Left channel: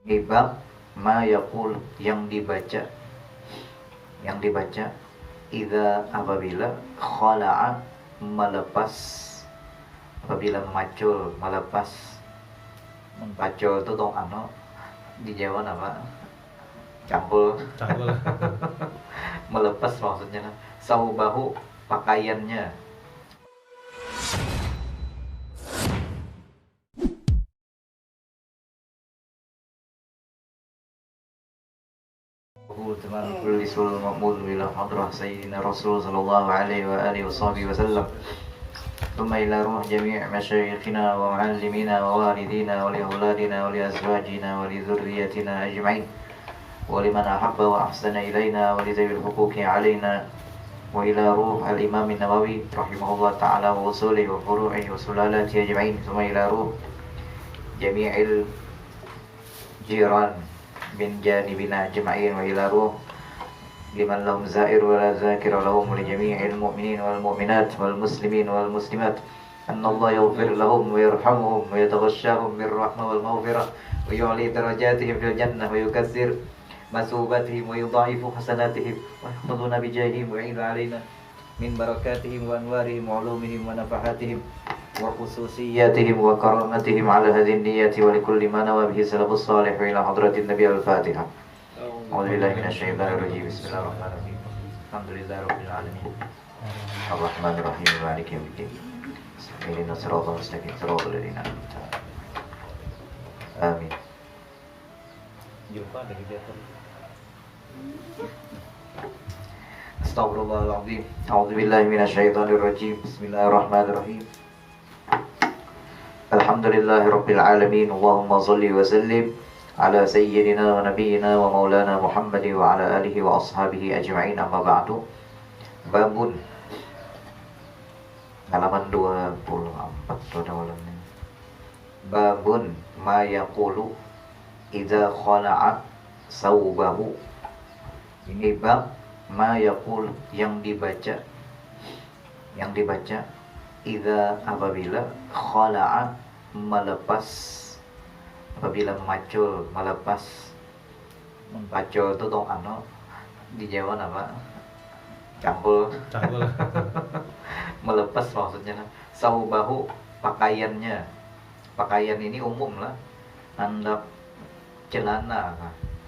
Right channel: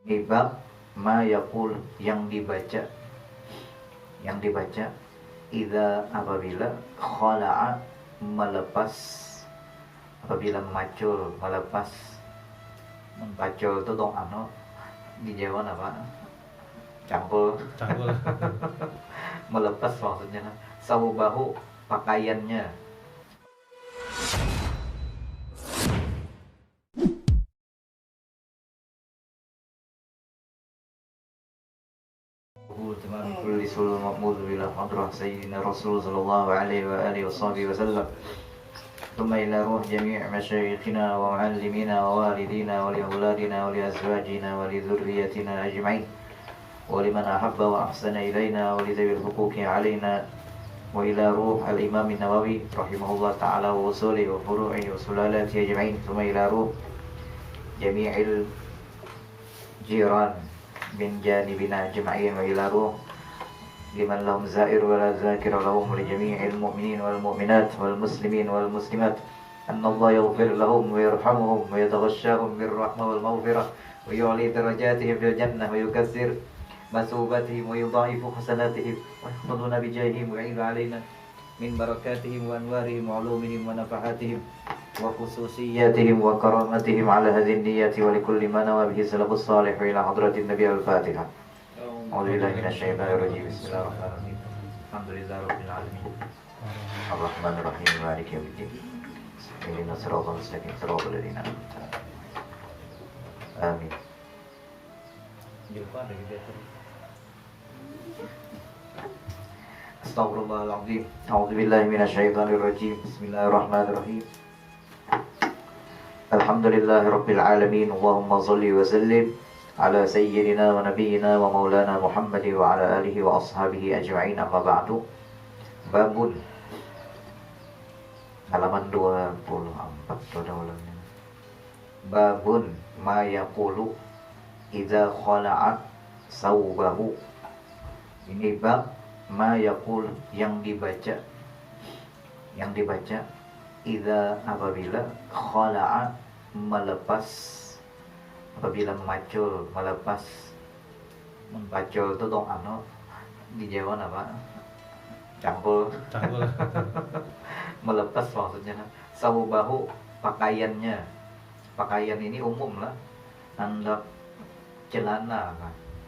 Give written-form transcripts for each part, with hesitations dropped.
Ini bab ma yaqul yang dibaca idza apabila khala'a melepas, apabila memacul, melepas, mempacul itu dong di Jawa apa? Cangkul. Melepas maksudnya saubahu, pakaiannya. تمام كل سوء مقبول إلى حضرة سيدنا رسول صلى الله عليه وآله وصحبه وسلم ثم إلى روح جميع مشايخنا ومعلمينا ووالدينا ولأولادنا ولأزواجنا ولذريتنا أجمعين ولمن أحب وأحسن إلينا ولذوي الحقوق علينا وإلى روح الإمام النووي رحمه الله تعالى ووصوله وفروعه وسلالاته أجمعين ثم إلى روح جميع الجيران من جانبنا أجمعين وإلى روح لمن لهم زائر ولا ذاكر لهم ولجميع المؤمنين والمؤمنات والمسلمين والمسلمات أن الله يغفر لهم ويرحمهم ويتغشاهم بالرحمة والمغفرة ويعلي درجاتهم في الجنة ويكثر مثوبتهم ويضاعف حسناتهم ويحفظنا بجاههم ويعيد علينا من بركاتهم وأنوارهم وعلومهم ونفحاتهم وخصوصياتهم وكرامتهم على هذه النية ولكل ما نوى به السلف الصالح إلى حضرة النبي الفاتحة. أعوذ بالله من الشيطان الرجيم. بسم الله الرحمن الرحيم. الحمد لله رب العالمين الرحمن الرحيم مالك يوم الدين اهدنا الصراط المستقيم صراط الذين أنعمت عليهم آمين. Jumpa dari dia terus. Astaghfirullahaladzim. A'udzubillahi minasyaitonirrajim. Bismillahirrahmanirrahim. Alhamdulillahi Rabbil Alamin. Allahumma salli wa sallim ala sayyidina wa nabiyyina wa maulana Muhammadin wa ala alihi wa ashabihi ajma'in, amma ba'du. Babun, halaman 24 pada malamnya. Babun ma yaqulu idza khala'a saubahu. Ini bab ma yaqul yang dibaca idza apabila khala'a melepas, apabila memacul, melepas, mempacul itu dong di Jawa apa? Cangkul. Melepas maksudnya saubahu, pakaiannya. Pakaian ini umum lah, handap, celana,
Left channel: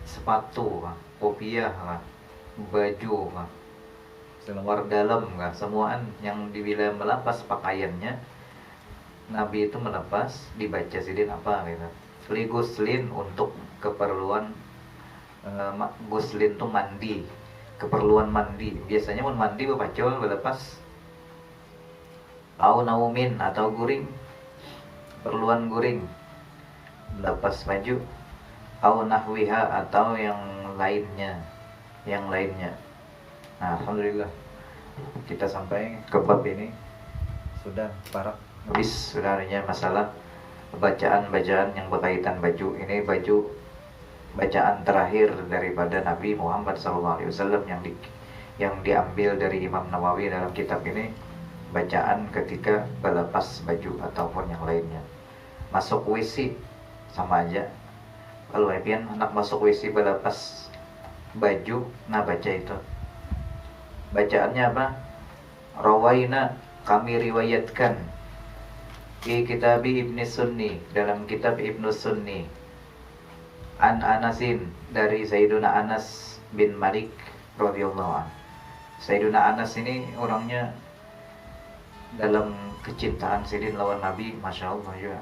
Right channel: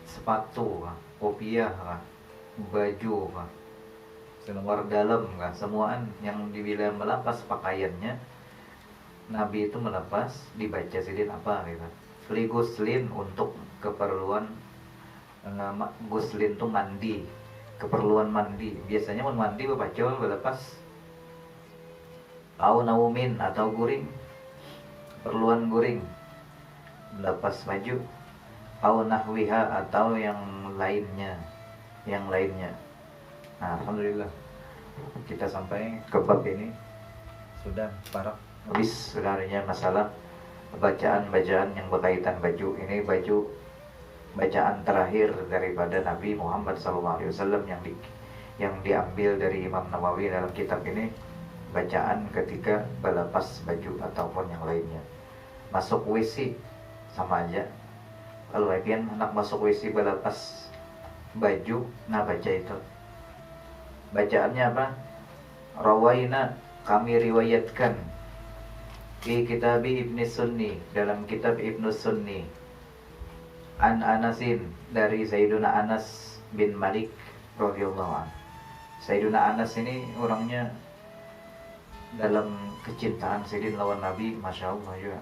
sepatu, kopiah, baju, selawar dalam, semuaan yang dibilang melepas pakaiannya. Nabi itu melepas, dibaca sidin apa gitu. Guslin untuk keperluan guslin tuh mandi, keperluan mandi. Biasanya mau mandi bapacul melepas. Au naumin atau guring, keperluan guring, melepas baju. Au nahwiha atau yang lainnya. Nah, alhamdulillah kita sampai ke bab ini sudah parak habis, sudah hanya masalah bacaan-bacaan yang berkaitan baju. Ini baju bacaan terakhir daripada Nabi Muhammad SAW yang diambil dari Imam Nawawi dalam kitab ini, bacaan ketika melepas baju ataupun yang lainnya. Masuk WC sama aja. Kalau kalian anak masuk WC melepas baju, nah baca itu. Bacaannya apa? Rawaina, kami riwayatkan di kitab Ibnu Sunni, dalam kitab Ibnu Sunni, an Anasin, dari Sayyiduna Anas bin Malik radhiyallahu anhu. Sayyiduna Anas ini orangnya dalam kecintaan Sidin lawan Nabi, masya Allah ya.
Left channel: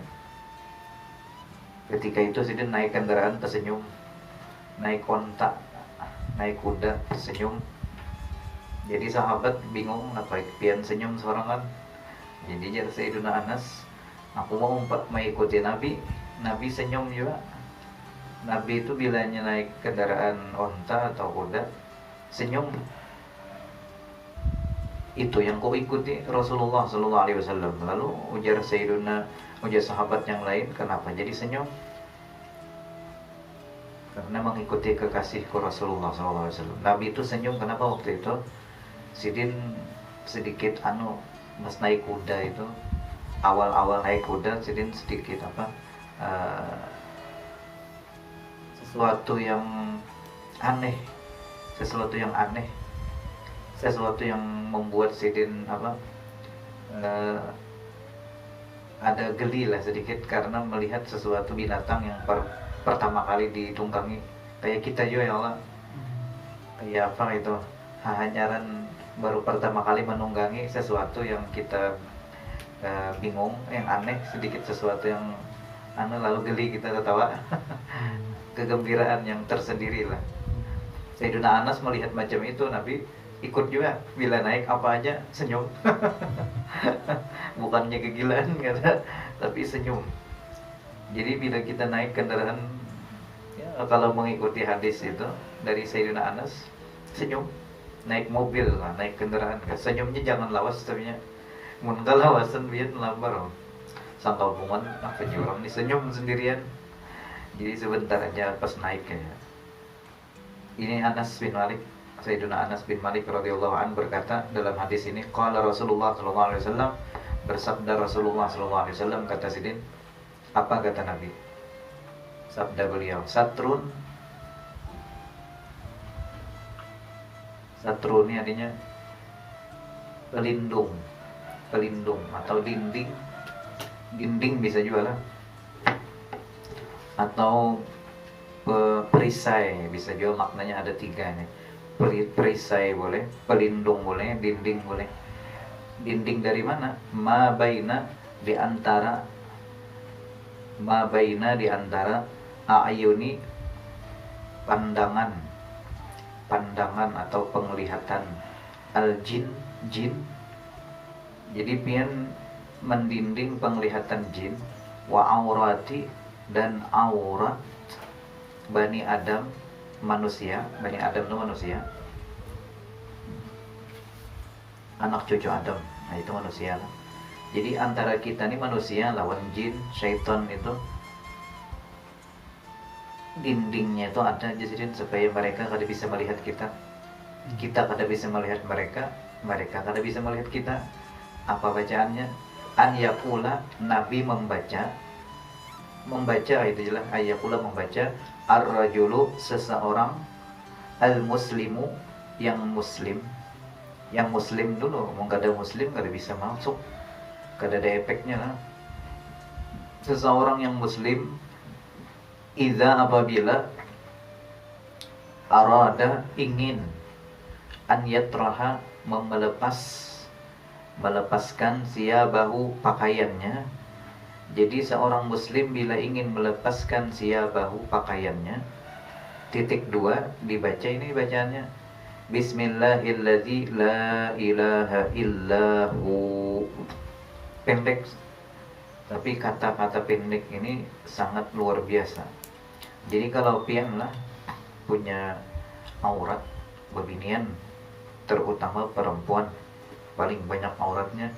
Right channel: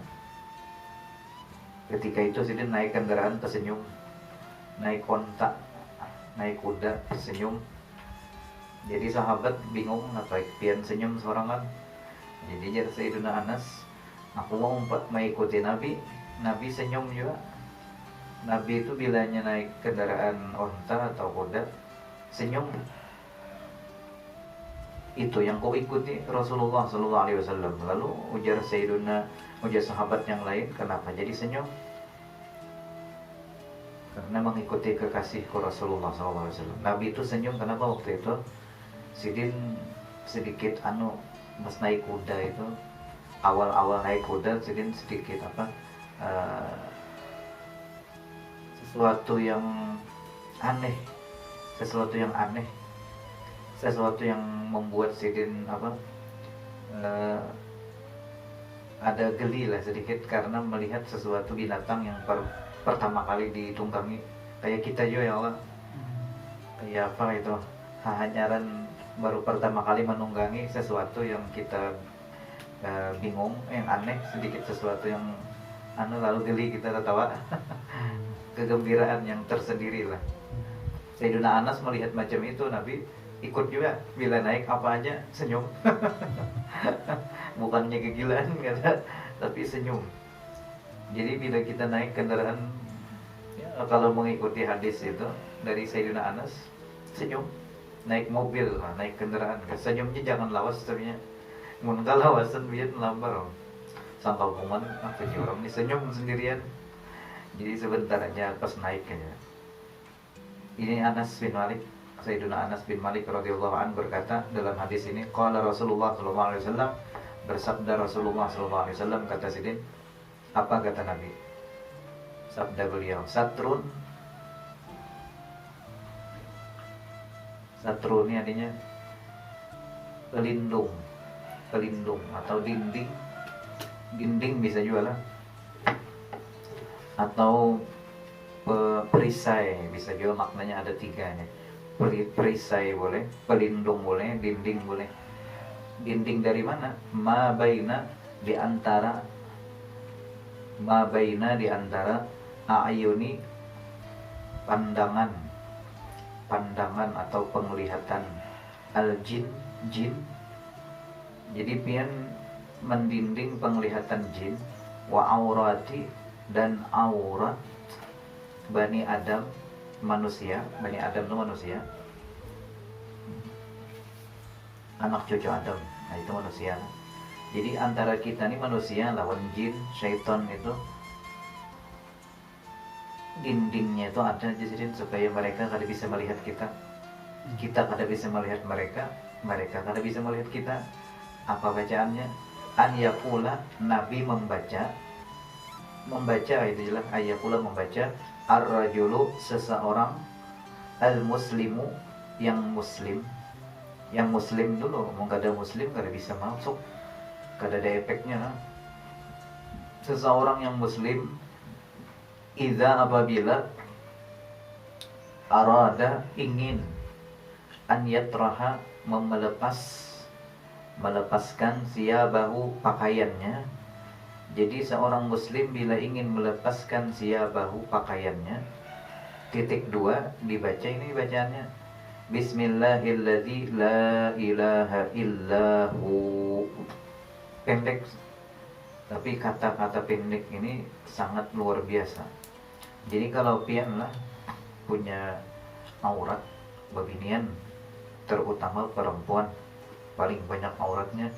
Ketika itu Sidin naik kendaraan tersenyum, naik kontak, naik kuda tersenyum. Jadi sahabat bingung, apa pian senyum sorangan. Jadi jadi Sayyiduna Anas, aku mau mengikuti Nabi. Nabi senyum juga. Nabi itu bilanya naik kendaraan onta atau kuda, senyum. Itu yang kau ikuti Rasulullah SAW. Lalu ujar sahabat yang lain, kenapa jadi senyum? Karena mengikuti kekasihku Rasulullah SAW. Nabi itu senyum kenapa waktu itu? Sidin sedikit mas naik kuda itu, awal-awal naik kuda Sidin sedikit sesuatu yang aneh, sesuatu yang aneh, sesuatu yang membuat Sidin ada geli lah sedikit karena melihat sesuatu binatang yang pertama kali ditunggangi. Kayak kita juga ya Allah, kayak apa itu, hanyaran baru pertama kali menunggangi sesuatu yang kita bingung, yang aneh sedikit, sesuatu yang aneh, lalu geli kita tertawa. Kegembiraan yang tersendiri lah. Sayyidina Anas melihat macam itu, Nabi ikut juga, bila naik apa aja senyum. Bukannya kegilaan kata, tapi senyum. Jadi bila kita naik kendaraan, ya, kalau mengikuti hadis itu dari Sayyidina Anas, senyum. Naik mobil, naik kendaraan, senyumnya jangan lawas, tapi mun lawasan biar lambar. Sangka hubungan apa orang nih senyum sendirian. Jadi sebentar aja pas naik kayaknya. Ini Anas bin Malik, Sayyidina Anas bin Malik radhiyallahu an berkata dalam hadis ini, qala Rasulullah sallallahu alaihi wasallam, bersabda Rasulullah sallallahu alaihi wasallam, kata Sidin, apa kata Nabi? Sabda beliau, satrun ini artinya pelindung, pelindung atau dinding, dinding bisa juga lah, atau perisai bisa juga, maknanya ada tiga nih. Perisai boleh, pelindung boleh, dinding boleh. Dinding dari mana? Ma baina di antara a'yuni, pandangan atau penglihatan, al-jin, jin. Jadi pian mendinding penglihatan jin, wa aurati, dan aurat Bani Adam, manusia. Bani Adam itu manusia, anak cucu Adam, nah itu manusia. Jadi antara kita nih manusia lawan jin, syaitan, itu dindingnya itu ada jadi supaya mereka kada bisa melihat kita, kita kada bisa melihat mereka, mereka kada bisa melihat kita. Apa bacaannya? An yaqula, Nabi membaca itu jelas, ayakula membaca, ar-rajulu, seseorang, al-muslimu, yang muslim dulu, mau kada muslim kada bisa masuk, kada ada efeknya. Seseorang yang muslim, idza, apabila, arada, ingin, an yatraha, melepaskan siyabahu, pakaiannya. Jadi seorang muslim bila ingin melepaskan siyabahu, pakaiannya, titik 2 dibaca ini bacaannya, Bismillahilladzi la ilaha illahu. Pendek, tapi kata-kata pendek ini sangat luar biasa. Jadi kalau pian lah punya aurat beginian, terutama perempuan paling banyak auratnya.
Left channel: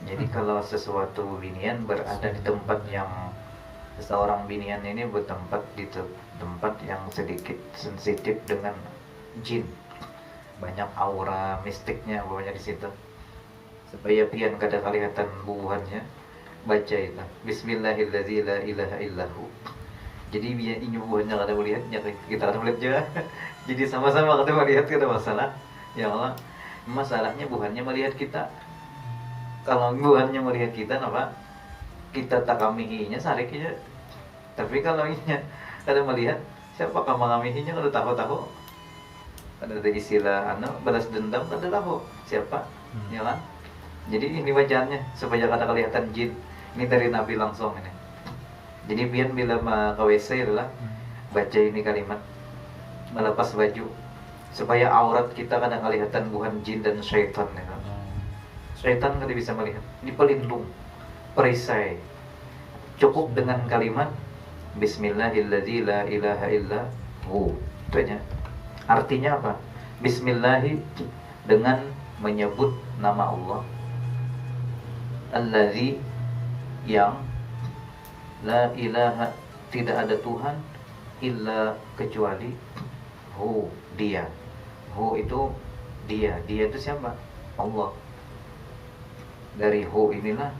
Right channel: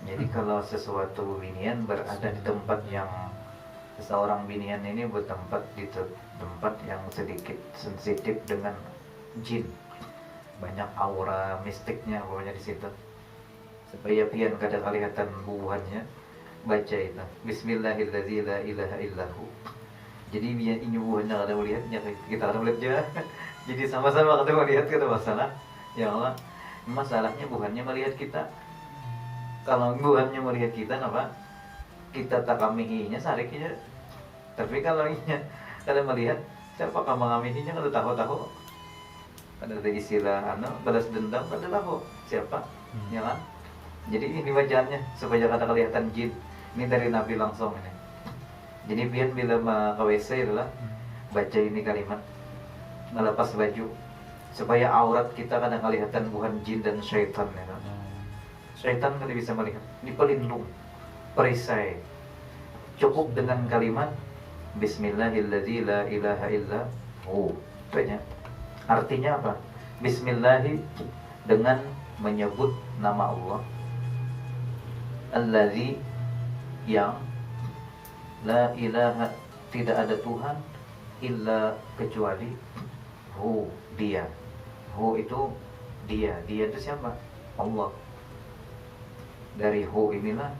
Jadi kalau sesuatu binian berada di tempat yang, seseorang binian ini bertempat di tempat yang sedikit sensitif dengan jin, banyak aura mistiknya pokoknya di situ. Supaya pian kada kelihatan bubuhannya, baca itu Bismillahirrahmanirrahim la ilaha illahu. Jadi biar ini bubuhannya kada melihatnya, kita kada melihat juga. Jadi sama-sama kada melihat, kada masalah. Ya Allah, masalahnya bukannya melihat kita. Kalau bukannya melihat kita, apa kita takamihinya sariknya. Tapi kalau inya kada melihat, siapa kamangamihinya kada tahu. Kada ada istilah balas dendam, kada tahu siapa, ya kan? Jadi ini bacaannya supaya kada kelihatan jin. Ini dari Nabi langsung ini. Jadi bila ke WC adalah baca ini kalimat, melepas baju, supaya aurat kita kada kelihatan bukan jin dan syaitan, ya. Syaitan kada bisa melihat. Ini pelindung, perisai. Cukup dengan kalimat Bismillahilladzi la ilaha illahu. Banyak. Artinya apa? Bismillahi, dengan menyebut nama Allah, alladzi, yang, la ilaha, tidak ada Tuhan, illa, kecuali, hu, dia. Hu itu dia. Dia itu siapa? Allah. Dari hu inilah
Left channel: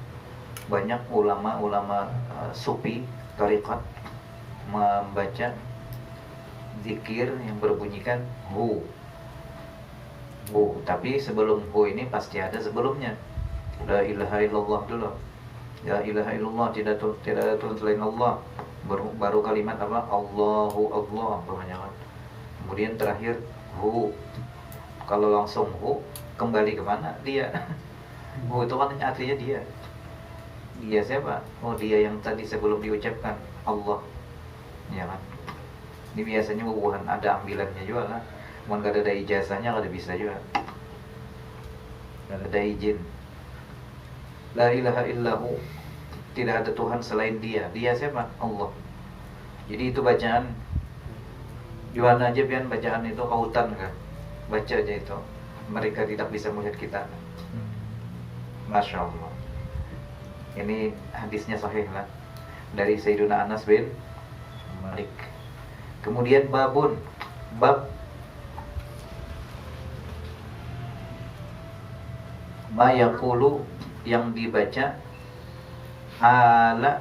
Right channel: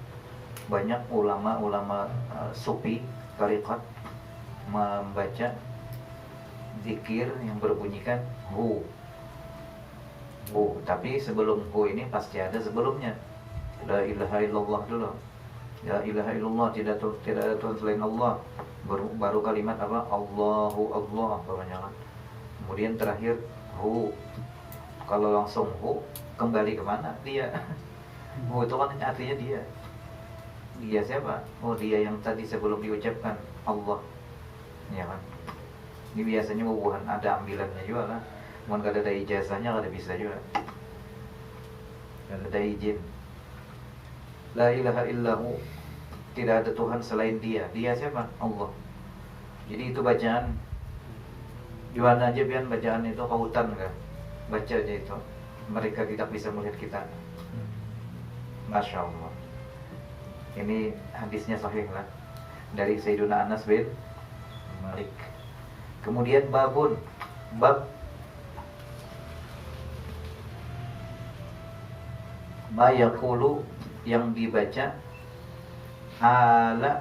banyak ulama-ulama sufi tariqat membaca zikir yang berbunyikan hu. Hu, tapi sebelum hu ini pasti ada sebelumnya. La ilaha illallah dulu. La ilaha illallah, tidak ada Tuhan selain Allah. Baru kalimat apa? Allahu Allah, kemudian terakhir hu. Kalau langsung hu, kembali kemana dia? Hu itu kan artinya dia. Dia siapa? Oh, dia yang tadi sebelum diucapkan Allah, ya kan? Ini biasanya bukan ada ambilannya juga lah. Cuman kalau ada ijazahnya kalau bisa juga. Kalau ada izin. La ilaha illahu, tidak ada Tuhan selain dia. Dia siapa? Allah. Jadi itu bacaan. Di mana aja pian bacaan itu kautan kan? Baca aja itu. Mereka tidak bisa melihat kita. Masya Allah. Ini hadisnya sahih lah, dari Sayyiduna Anas bin Malik. Kemudian bab ma yaqulu, yang dibaca hala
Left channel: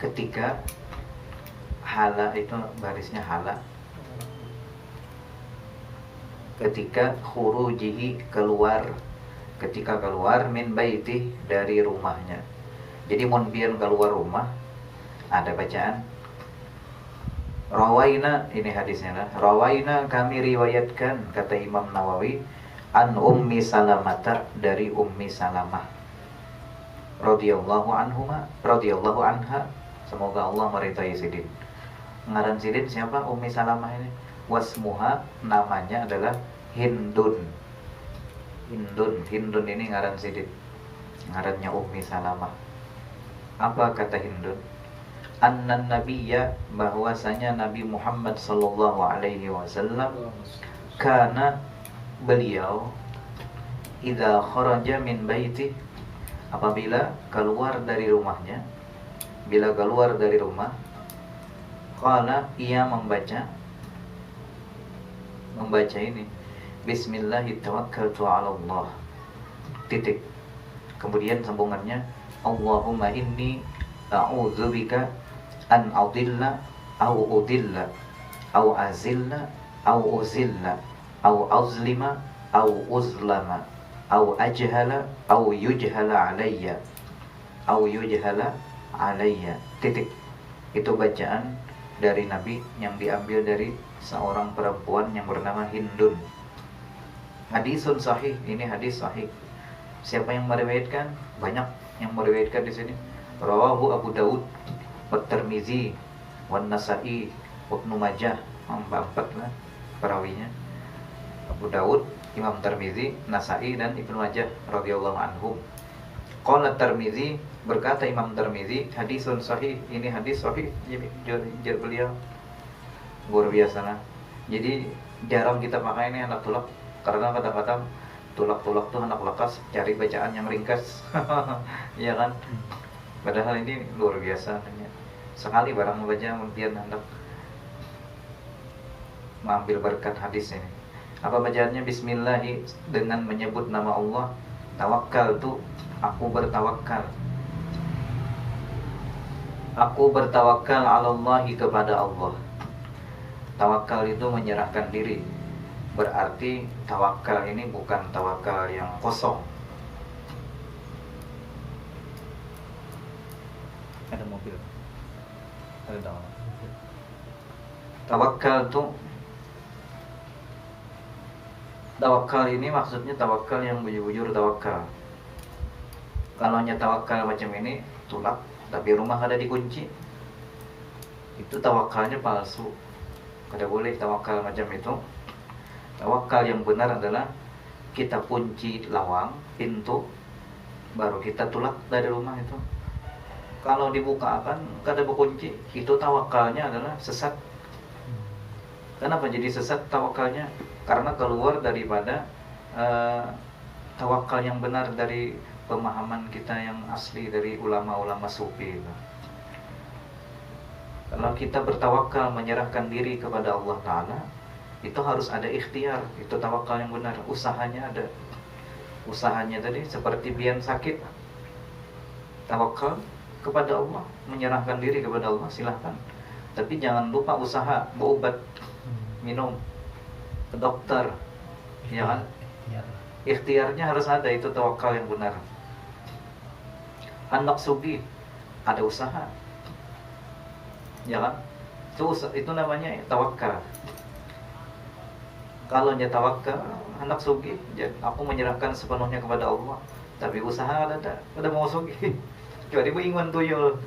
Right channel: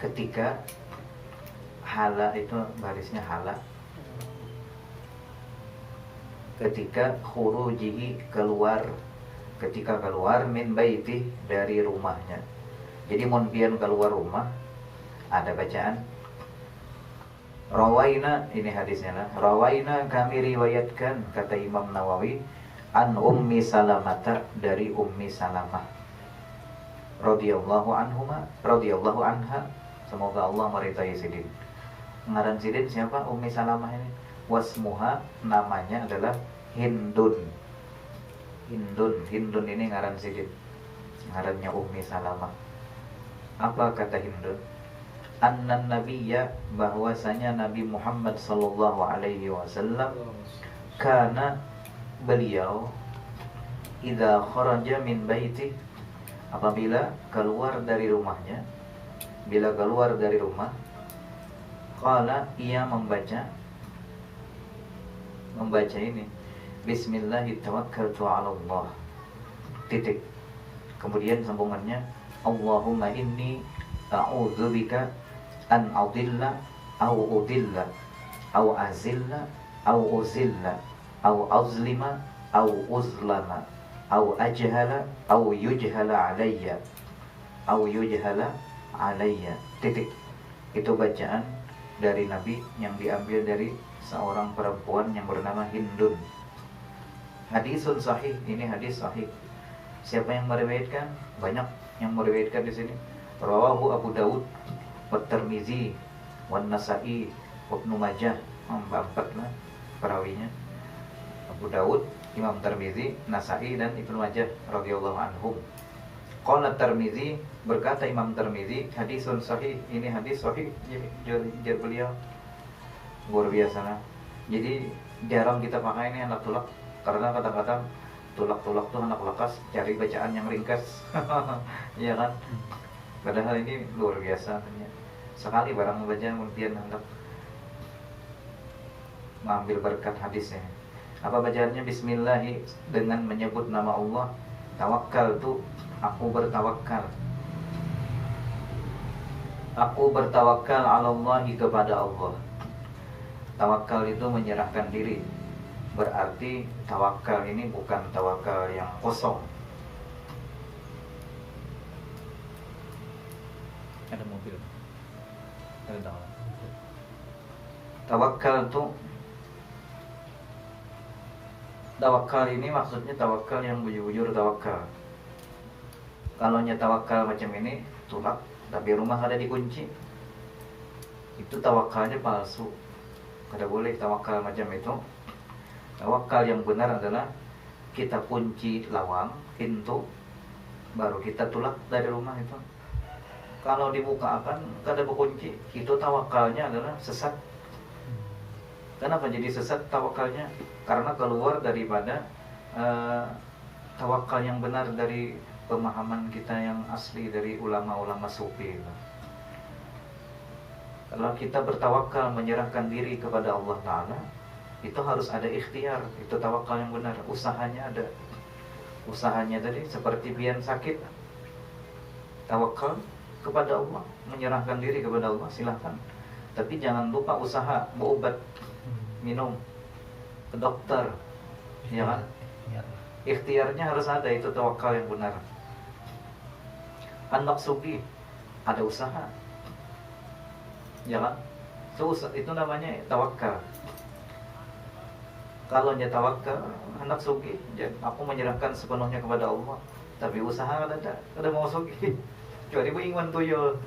ketika, hala itu barisnya hala, ketika khurujihi, ketika keluar min baiti, dari rumahnya. Jadi mun pian keluar rumah ada bacaan rawaina, ini hadisnya lah. Rawaina, kami riwayatkan, kata Imam Nawawi, an Ummi Salamah, dari Ummi Salamah radhiyallahu anha, semoga Allah meridai Sidin. Ngaran Sidin siapa? Ummi Salamah ini. Wasmuha, namanya adalah Hindun ini ngaran Sidin, ngarannya Ummi Salamah. Apa kata Hindun? Annan nabiyya, bahwasanya Nabi Muhammad sallallahu alaihi wasallam, karena beliau idza kharaja min baiti, apabila keluar dari rumahnya, bila keluar dari rumah, qala, ia membaca ini, Bismillahi tawakkaltu 'ala Allah. Titik. Kemudian sambungannya, Allahumma inni a'udzubika an adilla au udilla au azilla au uzilla au azlima au uzlama au ajhala au yujhala alayya. Titik. Itu bacaan dari Nabi yang diambil dari seorang perempuan yang bernama Hindun. Hadisun sahih, ini hadis sahih. Siapa yang meriwayatkan? Banyak yang meriwayatkan di sini. Rawahu Abu Daud, At-Tirmizi, Wan Nasa'i, Ibnu Majah, empat lah perawinya. Abu Daud, Imam Tirmizi, Nasa'i, dan Ibnu Majah radhiyallahu anhum. Qala Tirmizi, berkata Imam Tirmizi, hadisun sahih, ini hadis sahih. Jadi beliau luar biasa lah. Jadi jarang kita pakai ini anak tulak, karena kata-kata tulak-tulak tuh anak lakas cari bacaan yang ringkas. Iya kan? Padahal ini luar biasa. Sekali barang membaca kemudian hendak mengambil berkat hadisnya. Apa bacaannya? Bismillahi, dengan menyebut nama Allah. Tawakkal tuh, aku bertawakal. Aku bertawakal 'ala Allahi, kepada Allah. Tawakal itu menyerahkan diri. Berarti tawakal ini bukan tawakal yang kosong. Ada mobil. Ada dalam. Tawakal ini maksudnya tawakal yang bujur-bujur tawakal. Kalau nya tawakal macam ini, tulak, tapi rumah ada dikunci, itu tawakalnya palsu. Kada boleh tawakal macam itu. Tawakal yang benar adalah kita kunci lawang, pintu, baru kita tulak dari rumah itu. Kalau dibuka akan kada berkunci, itu tawakalnya adalah sesat. Kenapa jadi sesat tawakalnya? Karena keluar daripada tawakal yang benar, dari pemahaman kita yang asli dari ulama-ulama sufi. Kalau kita bertawakal, menyerahkan diri kepada Allah Ta'ala, itu harus ada ikhtiar. Itu tawakal yang benar. Usahanya ada. Usahanya tadi seperti pian sakit, tawakal kepada Allah, menyerahkan diri kepada Allah, silahkan. Tapi jangan lupa usaha berobat. minum, ke dokter, ya kan? Iya. Ikhtiarnya harus ada, itu tawakal yang benar. Anak sugih, ada usaha, ya kan? Itu namanya tawakal. Kalau dia tawakal, anak sugih, aku menyerahkan sepenuhnya kepada Allah. Tapi usaha ada mau sugih. Kecuali buingan tuyul.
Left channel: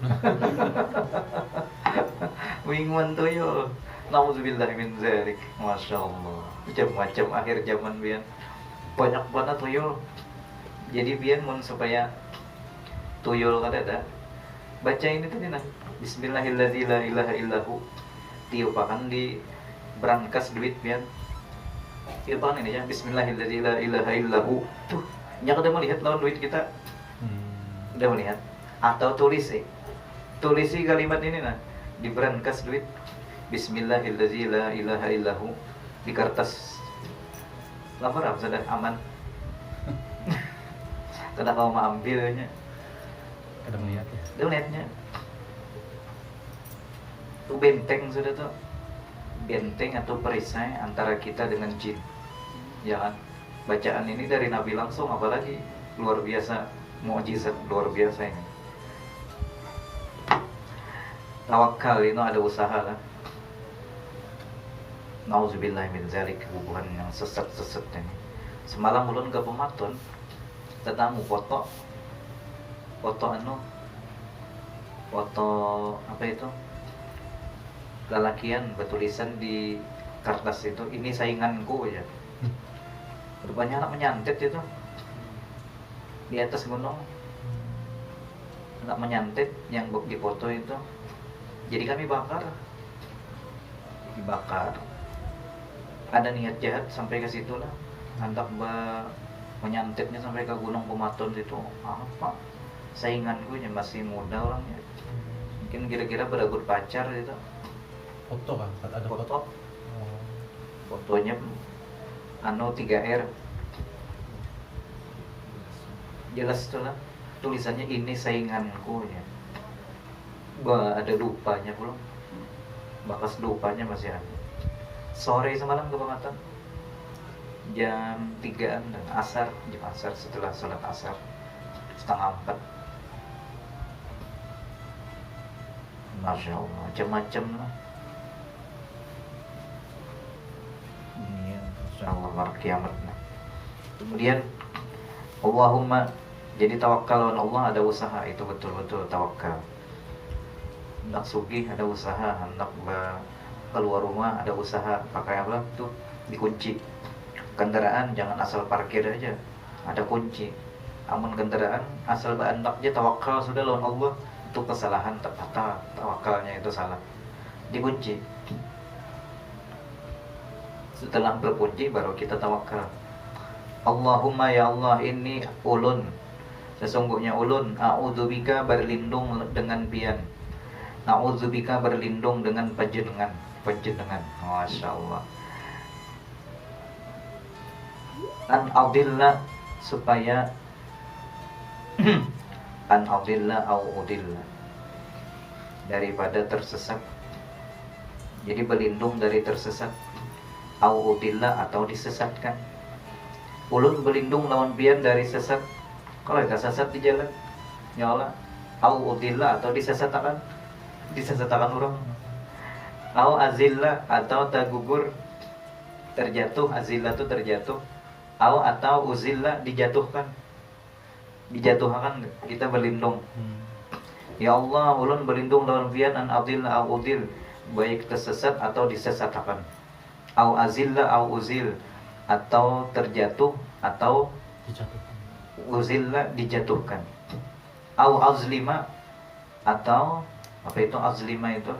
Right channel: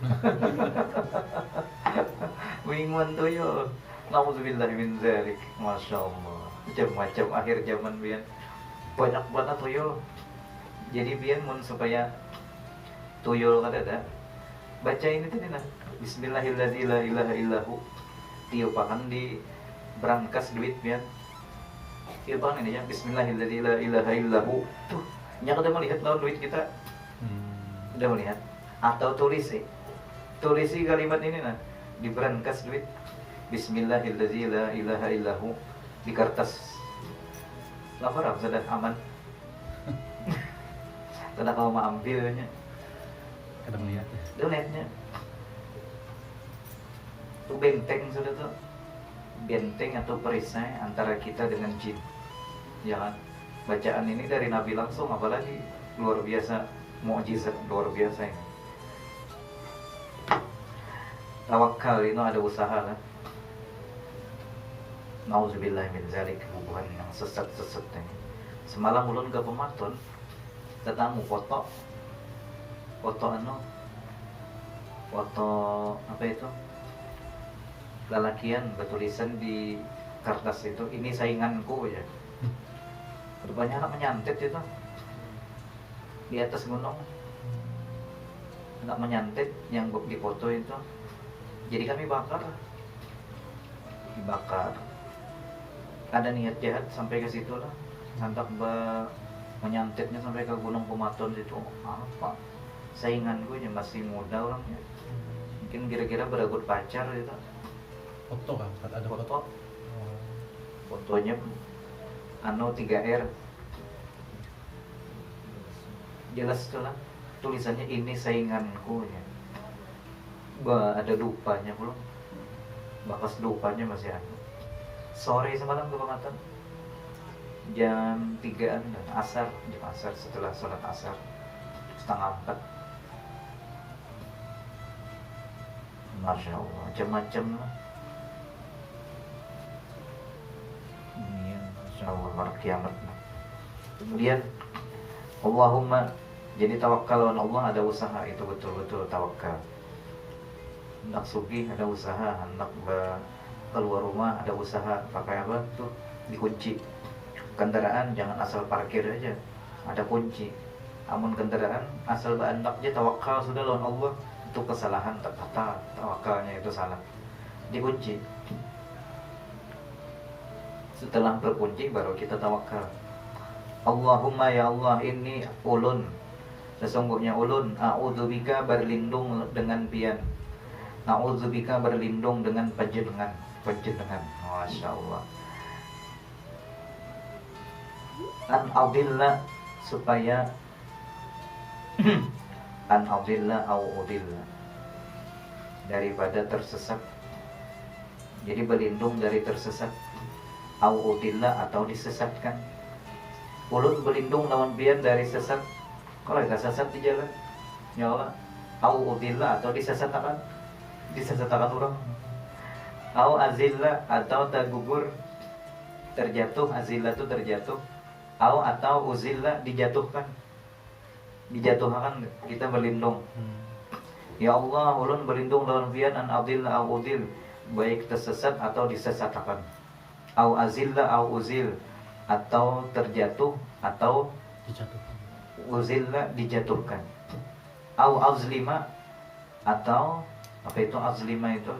Buingan tuyul. Nauzubillah min dzalik. Masya Allah. Macam-macam akhir zaman bian. Banyak banget tuyul. Jadi bian mun supaya tuyul ada. Baca ini tadi nah. Bismillahirrahmanirrahim la ilaha illahu. Tiupakan di brankas duit bian. Tiupakan ini ya. Bismillahirrahmanirrahim la ilaha illahu. Tuh, nya udah melihat lawan duit kita. Udah melihat. Atau tulisi kalimat ini nah di brankas duit. Bismillahirrahmanirrahim la ilaha illahu di kertas. Lapar sudah aman. Sudah kau mau ambilnya. Ada melihatnya. Udah melihatnya. Itu benteng sudah tuh. Benteng atau perisai antara kita dengan jin. Ya kan? Bacaan ini dari Nabi langsung, apalagi luar biasa, mukjizat luar biasa ini. Tawakal itu ada usaha lah. Nauzubillah min dzalik, hubungan yang sesat-sesat ini. Semalam ulun ke Pematon, tetamu foto apa itu? Lalakian bertulisan di kertas itu, ini sainganku ya. Rupanya anak menyantet itu di atas gunung. Anak menyantet yang di foto itu. Jadi kami dibakar. Ada niat jahat sampai ke situ lah. Hendak menyantetnya sampai ke Gunung Pematon itu. Apa? Sainganku yang masih muda orangnya. Mungkin kira-kira beragut pacar gitu. Foto kan? Ada foto. Fotonya 3R. Jelas tuh lah. Tulisannya ini sainganku ya. Ada dupanya belum. Bakas dupanya masih ada. Sore semalam ke Pematon jam 3-an dan jam asar, setelah sholat asar 3:30. Masya Allah, macam-macam lah. Ini Insya Allah kiamat. Kemudian Allahumma, jadi tawakal Allah ada usaha, itu betul-betul tawakal. Hendak sugih ada usaha, hendak keluar rumah ada usaha. Pakai apa tuh? Dikunci. Kendaraan jangan asal parkir aja, ada kunci. Amun kendaraan asal hendak aja tawakal sudah lawan Allah, itu kesalahan. Tawakalnya itu salah, dikunci. Setelah berkunci baru kita tawakal. Allahumma ya Allah, ini ulun, sesungguhnya ulun, a'udzubika berlindung dengan pian, a'udzubika berlindung dengan panjenengan. Masya Allah. An adilla, supaya an adilla au udilla, daripada tersesat. Jadi berlindung dari tersesat, au udilla atau disesatkan. Ulun berlindung lawan pian dari sesat. Kalau gak sesat di jalan, ya Allah. Au udilla atau disesatkan orang. Au azillah atau tergugur, terjatuh. Azillah itu terjatuh. Au atau uzillah dijatuhkan, kita berlindung. Ya Allah, ulun berlindung lawan pian an adillah au udil, baik tersesat atau disesatkan. Au azillah au uzil, atau terjatuh atau Dijatuhkan. uzillah dijatuhkan. Au azlima, atau apa itu azlima itu?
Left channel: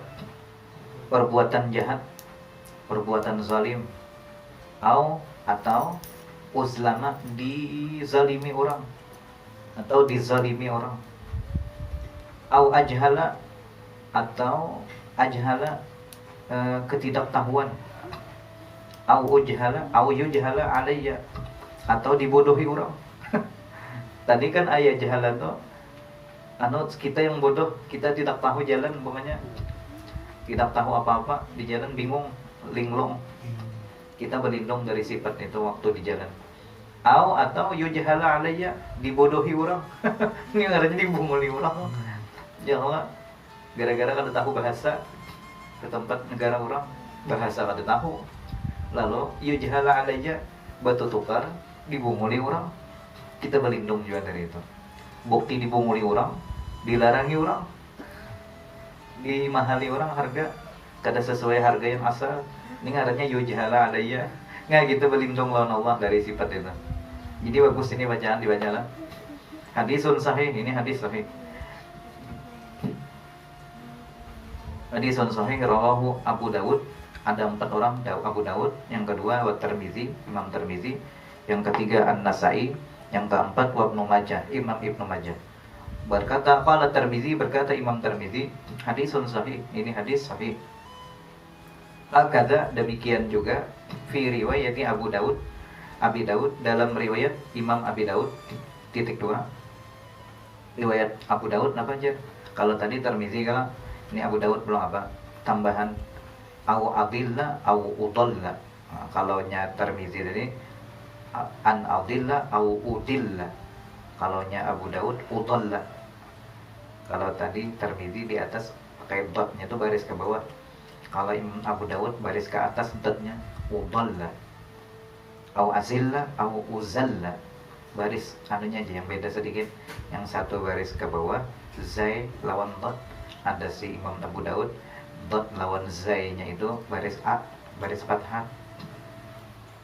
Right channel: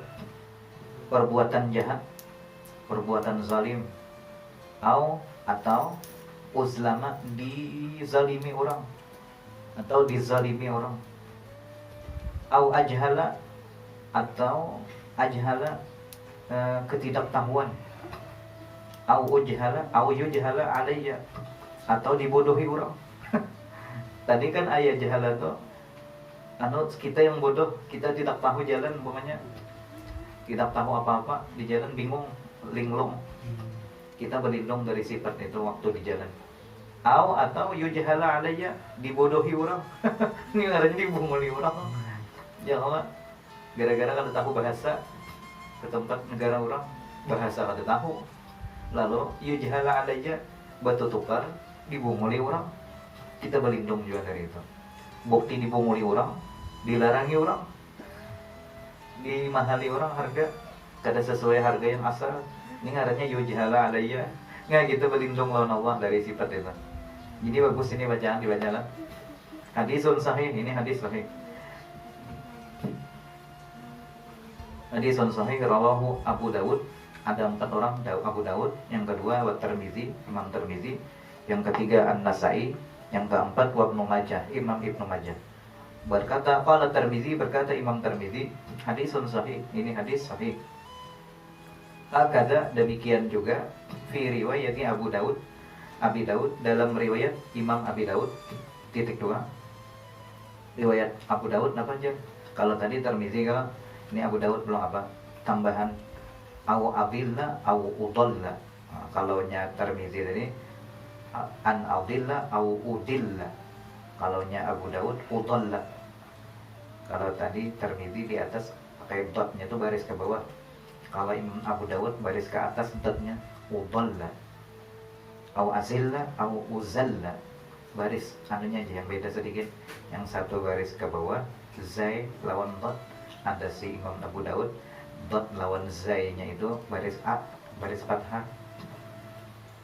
Perbuatan jahat, perbuatan zalim. Atau uzlama, dizalimi orang atau dizalimi orang. Au ajhala, atau ajhala ketidaktahuan. Au yujhala alayya, atau dibodohi orang. Tadi kan ayat jahala tuh kita yang bodoh, kita tidak tahu jalan, umpamanya tidak tahu apa-apa di jalan, bingung linglung. Kita berlindung dari sifat itu waktu di jalan. Atau yujhala alayya, dibodohi orang. Ini ngarannya dibunguli orang. Jangan gara-gara kada tahu bahasa ke tempat negara orang, bahasa kada tahu. Lalu yujhala alayya, batu tukar, dibunguli orang. Kita berlindung juga dari itu. Bukti dibunguli orang, dilarangi orang, dimahali orang harga kada sesuai harga yang asal. Ini ngarannya yujhala alayya. Nggak, kita berlindung lawan Allah dari sifat itu. Jadi bagus ini bacaan dibacalah. Hadisun sahih, ini hadis sahih. Hadisun sahih rawahu Abu Dawud. Ada 4 orang, Abu Dawud. Yang kedua wa Tirmizi, Imam Tirmizi. Yang ketiga An-Nasai. Yang keempat wa Ibnu Majah, Imam Ibnu Majah. Berkata qala Tirmizi, berkata Imam Tirmizi, hadisun sahih, ini hadis sahih. Hakadha, demikian juga fi riwayati Abu Dawud, Abi Dawud, dalam riwayat Imam Abi Dawud titik 2. Riwayat Abu Dawud apa aja? Kalau tadi Tirmizi, kalau ini Abu Dawud belum apa? Tambahan au adilla au udalla. Nah, kalau nya Tirmizi tadi an adilla au udilla. Kalau nya Abu Dawud udalla. Kalau tadi Tirmizi di atas pakai dotnya itu baris ke bawah. Kalau Imam Abu Dawud baris ke atas dotnya udalla. Au azilla au uzalla, baris anunya aja yang beda sedikit. Yang satu baris ke bawah zai lawan dot, ada si Imam Abu Daud dot lawan zai-nya itu baris a, baris fathah.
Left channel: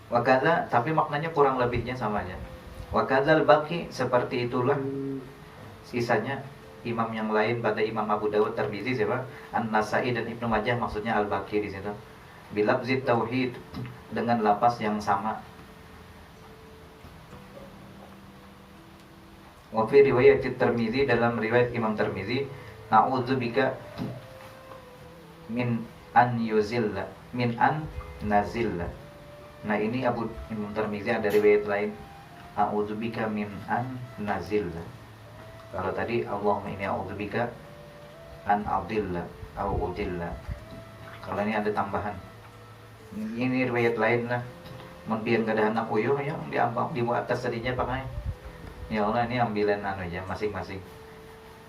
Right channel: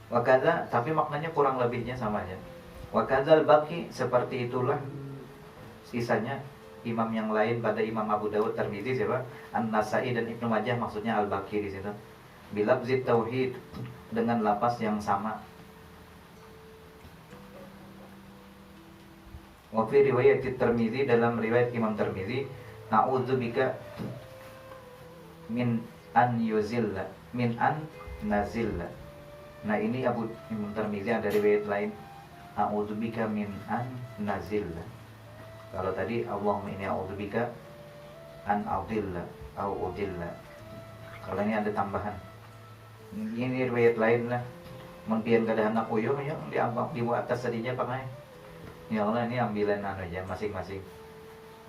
Wakadha, tapi maknanya kurang lebihnya samanya. Wakadhal baqi, seperti itulah sisanya imam yang lain pada Imam Abu Daud, Tirmizi, siapa? An-Nasai dan Ibnu Majah, maksudnya Al-Baqi di situ. Bilafzi tauhid, dengan lapas yang sama. Wa fi riwayat Tirmizi, dalam riwayat Imam Tirmizi, na'udzubika min an yuzilla, min an nazilla. Nah ini Imam Tirmizi ada riwayat lain, na'udzubika min an nazilla. Kalau tadi Allahumma inni a'udzubika an adilla au udilla. Kalau ini ada tambahan. Ini riwayat lain lah. Mempian kada anak uyuh yang diambang di atas tadinya pakai. Ya Allah, ini ambilan aja masing-masing.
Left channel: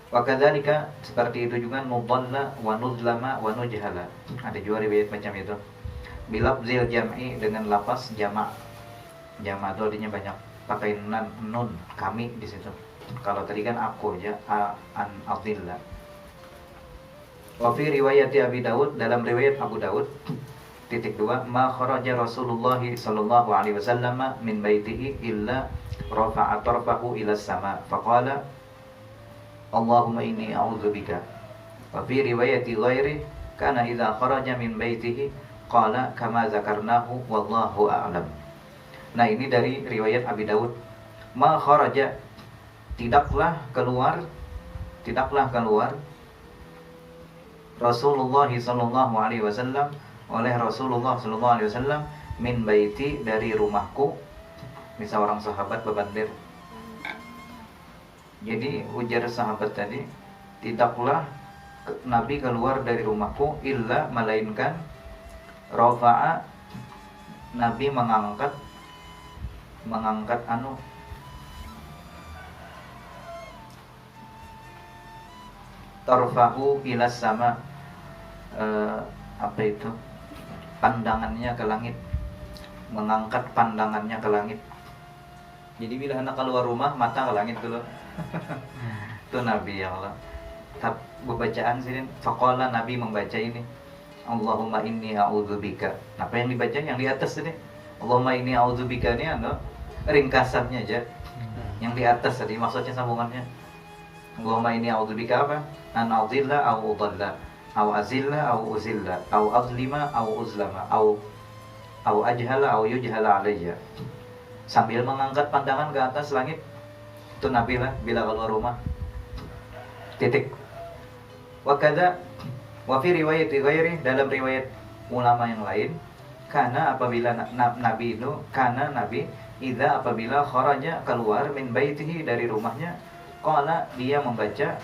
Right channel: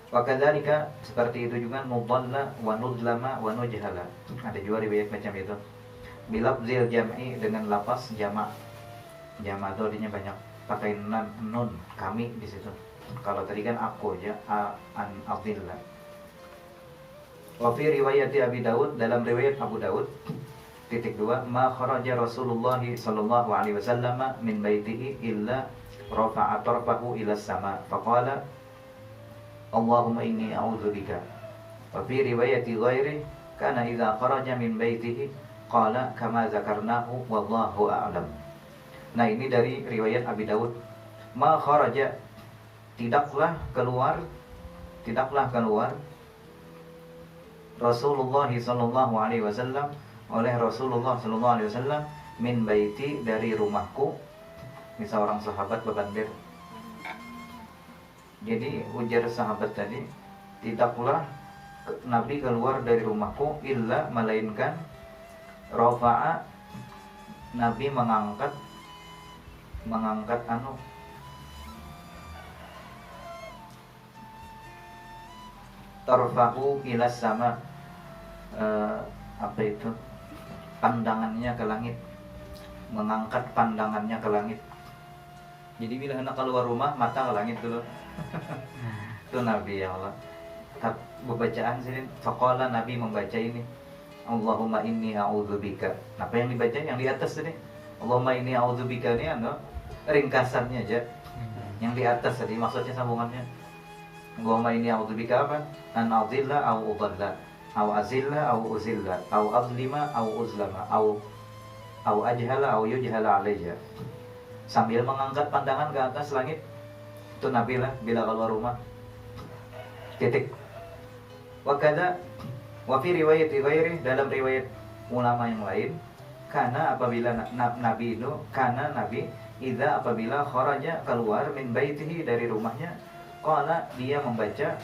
Wa kadzalika, seperti itu juga nudalla wa nudlama wa nujhala. Ada juga riwayat macam itu. Bilafzil jam'i, dengan lafaz jamak. Jamak itu artinya banyak. Pakai nun, kami di situ. Kalau tadi kan aku aja, an adilla. Wa fi riwayat Abi Dawud, dalam riwayat Abu Dawud titik 2, ma kharaja Rasulullah sallallahu alaihi wasallam min baitihi illa rafa'a tarfahu ila sama faqala Allahumma inni a'udzubika. Wa fi riwayati ghairi kana idza kharaja min baitihi qala kama zakarnahu wallahu a'lam. Nah ini dari riwayat Abi Dawud. Ma kharaja, tidaklah keluar Rasulullah sallallahu alaihi wasallam, oleh Rasulullah sallallahu alaihi wasallam, min baiti, dari rumahku. Ini seorang sahabat bebandir. Jadi ujar sahabat tadi, tidaklah Nabi keluar dari rumahku illa, melainkan rafa'a, Nabi mengangkat tarfahu ila sama, apa itu, pandangannya ke langit, mengangkat pandangannya ke langit. Jadi bila anak keluar rumah, mata ke langit dulu. Itu Nabi, ya Allah. Bacaan sini, faqala, Nabi membaca ini, Allahumma inni a'udzubika. Apa yang dibaca yang di atas tadi? Allahumma inni a'udzubika ini ringkasannya aja. Yang di atas tadi maksudnya sambungannya. Allahumma inni a'udzubika apa? An a'dzilla au udalla, au azilla au uzilla, au azlima au uzlama, au ajhala au yujhala alayya. Sambil mengangkat pandangan ke atas langit. Itu Nabi lah bila keluar rumah. Titik. Wa kadza wa fi riwayat ghairi, dalam riwayat ulama yang lain, karena apabila Nabi itu, karena Nabi idza, apabila kharaja, keluar, min baitihi, dari rumahnya, qala, dia membaca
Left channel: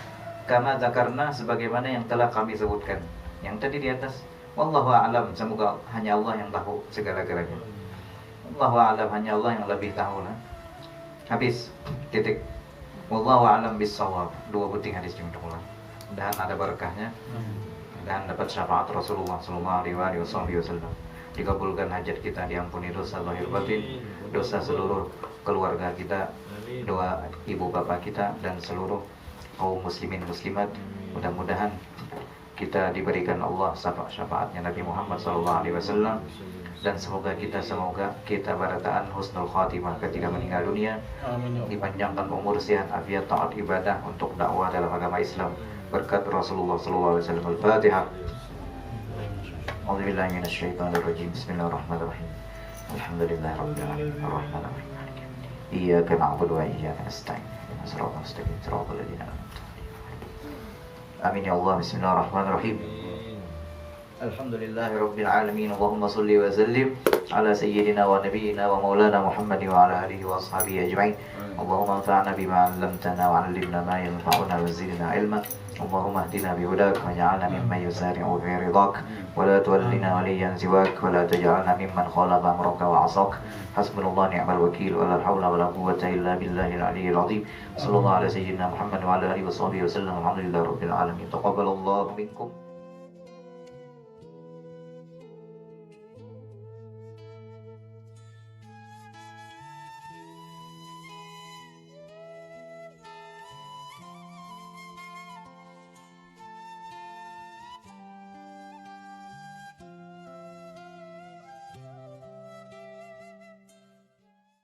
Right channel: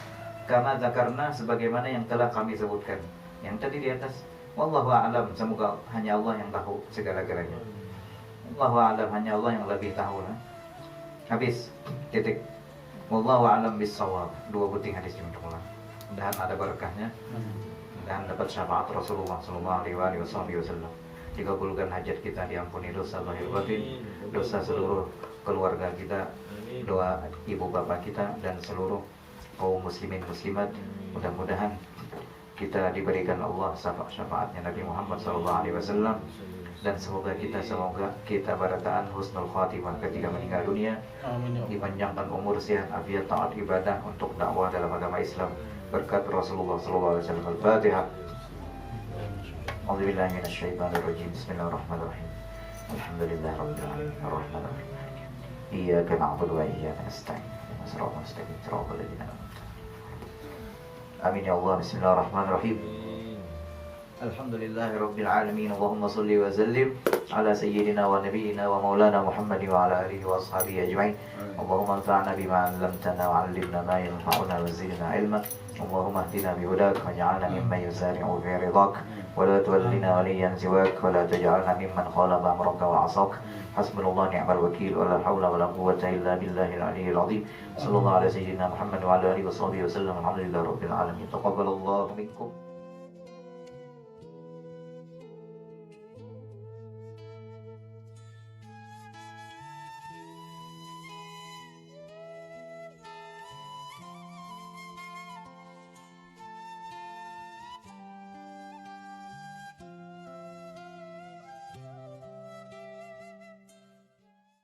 kama zakarna, sebagaimana yang telah kami sebutkan. Yang tadi di atas, Wallahu a'lam, semoga hanya Allah yang tahu segala-galanya. Wallahu a'lam, hanya Allah yang lebih tahu lah. Habis, titik. Wallahu a'lam bis-shawab. Dua buting hadis jumlah. Mudahan ada berkahnya dan dapat syafaat Rasulullah sallallahu alaihi wasallam. Dikabulkan hajat kita, diampuni dosa lahir batin, dosa seluruh keluarga kita, doa ibu bapak kita dan seluruh kaum muslimin muslimat. Mudah-mudahan kita diberikan Allah syafaatnya Nabi Muhammad SAW, dan semoga kita barataan husnul khatimah ketika meninggal dunia, Amin ya Allah. dipanjangkan umur, sehat, afiat, taat ibadah untuk dakwah dalam agama Islam berkat Rasulullah SAW. Al-Fatihah. A'udzubillahi minasyaitonir rajim. Bismillahirrahmanirrahim. Alhamdulillahirabbil alamin. Arrahmanirrahim. Iyyaka na'budu wa iyyaka nasta'in. Ihdinas siratal mustaqim. Siratal ladzina an'amta 'alaihim. Amin ya Allah. Bismillahirrahmanirrahim. Alhamdulillahirabbil alamin. Allahumma shalli wa sallim ala sayyidina wa nabiyyina wa maulana Muhammadin wa ala alihi wa ashabihi ajma'in. Allahumma anfa'na bima 'allamtana wa 'allimna ma yanfa'una wa zidna 'ilma. Allahumma ihdina bihudak waj'alna mimman yusari'u fi ridhak wa la tuwallina waliyan siwak wa la taj'alna mimman khalafa amraka wa 'asak. Hasbunallahu ni'mal wakeel wa la hawla wa la quwwata illa billahil 'aliyyil 'azim. Sallallahu ala sayyidina Muhammad wa ala alihi wa sahbihi wa sallam. Alhamdulillahirabbil alamin. Taqabbalallahu minkum.